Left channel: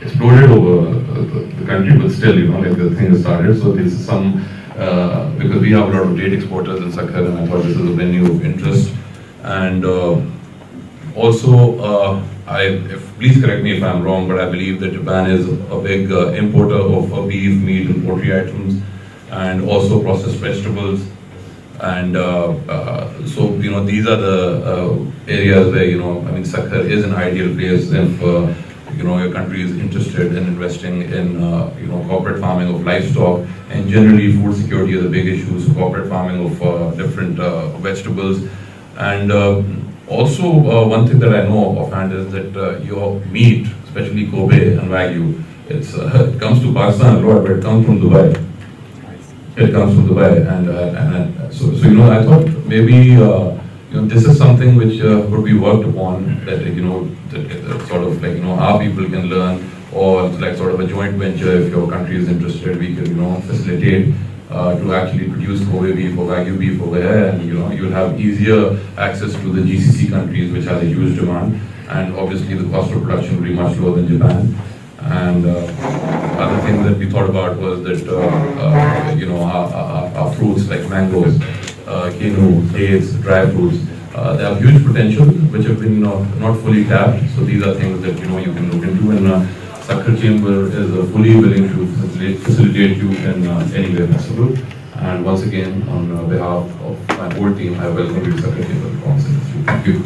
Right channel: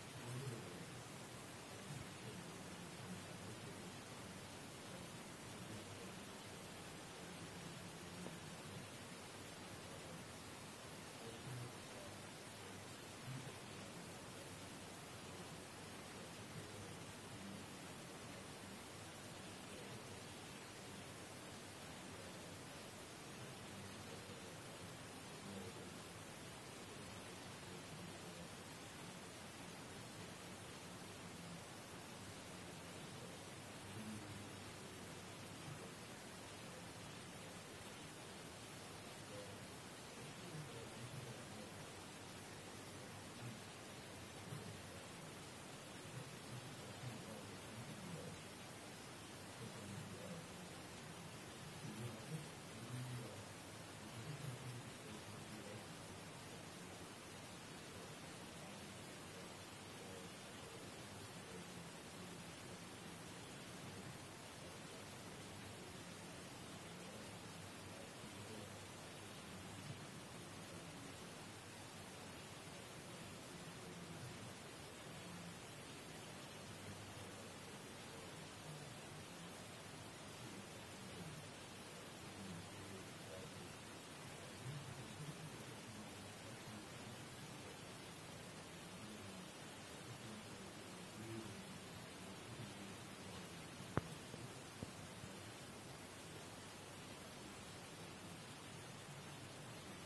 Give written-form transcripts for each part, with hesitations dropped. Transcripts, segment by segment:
exploded over the country, but still, like the thing has started. So this is some, because we have a lot of date exporters in Sakhar, and I thought this is a venue of interest. And also, please correct me if I'm wrong, but I believe that Japan is a big importer of beef, meat, and poultry items, and also processed vegetables. And so, these are the areas where, Sakhar is an ideal place if, your country is interested in investing in, corporate farming of livestock. And generally, food security is a big issue, so corporate farming of different vegetables. And also, one thing that I know offhand is that your meat, especially Kobe and Wagyu, it comes to Pakistan a lot, but it comes from Dubai. It comes from Dubai, and so I thought maybe this is something which could be worked upon, that that sort of our people can learn, or like sort of a joint venture. If your country is interested, we can facilitate to actually produce Kobe beef or Wagyu beef over here, and you'll have easier access to the GCC countries, which has a huge demand, and obviously the cost of production will be much lower than Japan. And other thing that we thought about was that our fruits like mangoes, quinoa, dates, dry fruits, they have huge potential, which have been not fully tapped. So these are things that you can look into, and Sakhar Chamber is fully willing to facilitate you in any way possible. And once again, on behalf of my whole team, I welcome you to Sakhar Chamber Council. Thank you.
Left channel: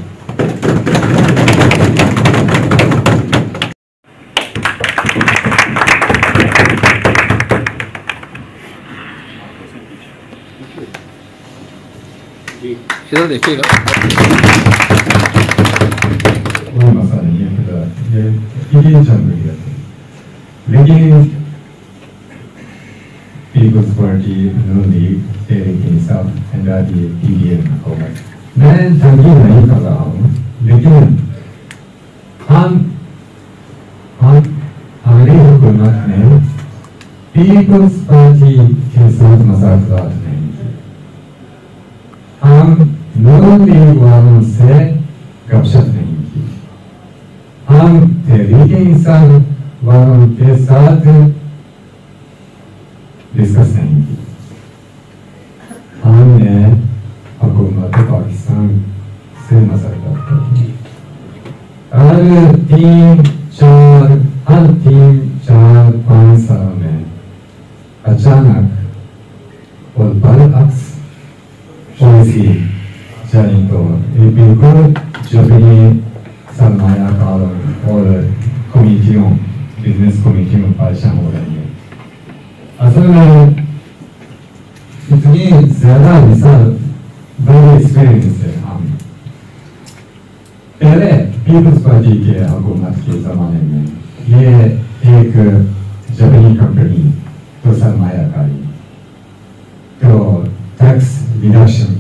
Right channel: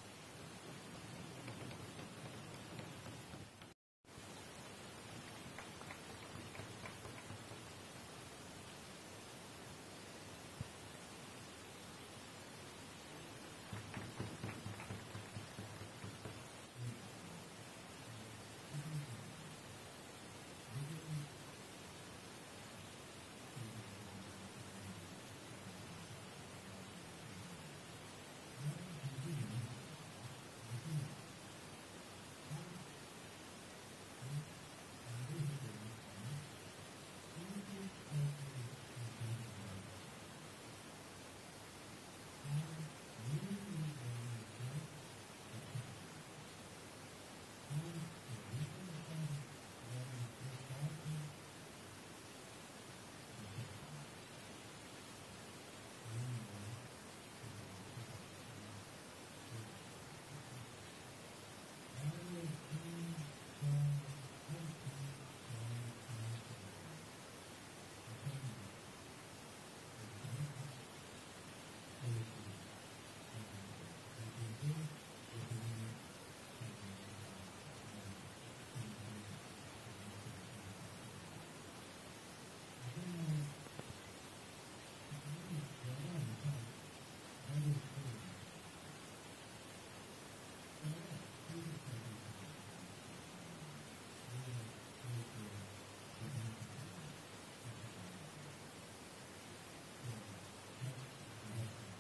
इधर देखिएगा। कोई मसला नहीं है, ये जमहूरियत है, लेकिन पीपल्स पार्टी, नून लीग, तहरीक इंसाफ, पंजाबी, पीडीएम होगा। मैं तंकीद नहीं कर रहा हूँ, लेकिन हमारी हुकूमत ने पीपल्स पार्टी के साथ मज़ाक़ात नहीं की। हम नून लीग वालों से गपशप नहीं की, हम तहरीक इंसाफ वालों के साथ डिस्कस नहीं की। हमने हुकूमत पाकिस्तान से मज़ाक़ात की। हर 3-4-5 साल में अचानक और बरअक्स पॉलिसी जारी तो ये बिल्कुल जापानी सरमायाकारों और कमेटियों, बिजनेस कमेटियों परेशान हो रही है। असल में इतनी ज़्यादा मिसाल बड़े एक्सपीरियंस है। हम पहले पीपल्स पार्टी के हुकूमत के ज़माने में ये एक जापानी कंपनी तो सरमायाकारी तो टैक्स रिडक्शन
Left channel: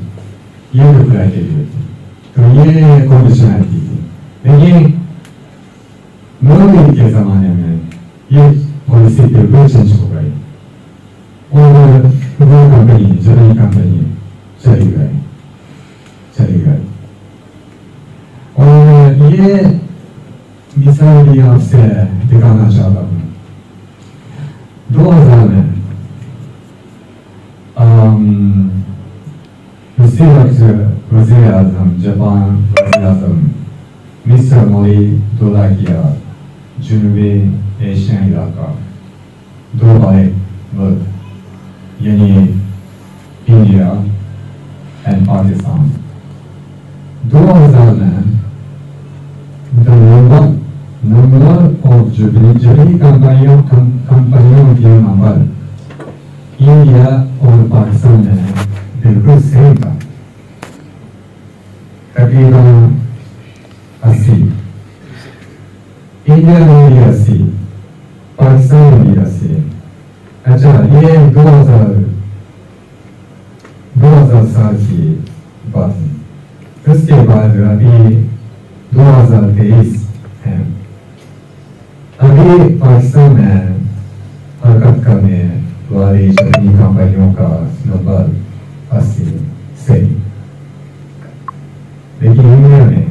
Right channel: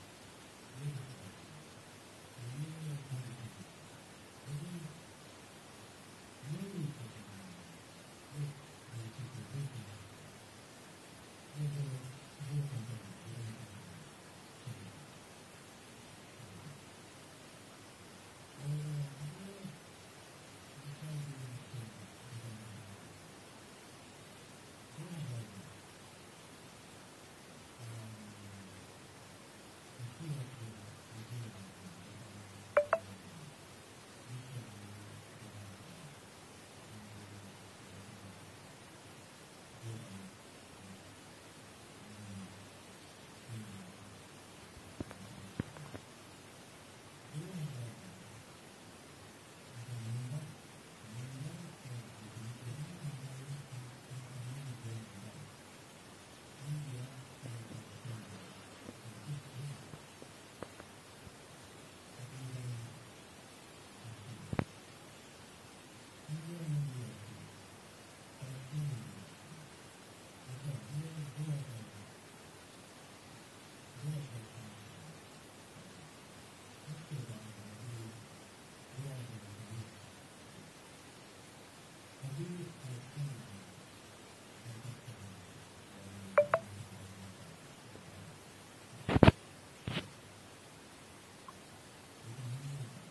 ये अप्लाई के लिए थी, तो ये कंडीशनैलिटी थी। लेकिन नून लीग के ज़माने में ये पॉलिसी बिल्कुल चेंज हो गई और वो कंपनी, जापानी कंपनी चली गई। और ये मिसाल भी आपसे दिखाना चाहता हूँ। 2000 में उसी वक्त वज़ीर आज़म, जापान वज़ीर आज़म मिस्टर मोदी दौरा किया जनूबी एशियाई इलाका, 2 बड़े मुल्क यानी इंडिया एंड पाकिस्तान। 2000 में the number of जापानी कंपनियों के नंबर इंडिया और पाकिस्तान में बिल्कुल सेम था, तकरीबन 80। इंडिया में भी 80, पाकिस्तान में भी 80। अच्छा, ये 2000 साल की बात है। उसके बाद अभी 2023 है। अभी पाकिस्तान में हरकत करने वाली जापानी कंपनियों का नंबर 80 से, लेकिन इंडिया में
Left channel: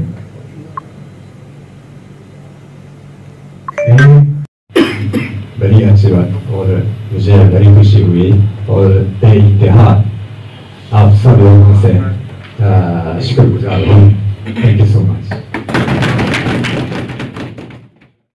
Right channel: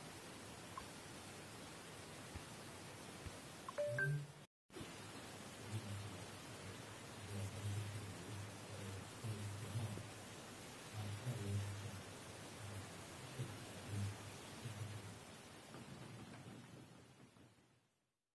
मुसीबत और मुझे बड़ी खुशी हुई और बेइंतहा आप सब लोगों से शुक्रगुजार हूँ। Thank you so much.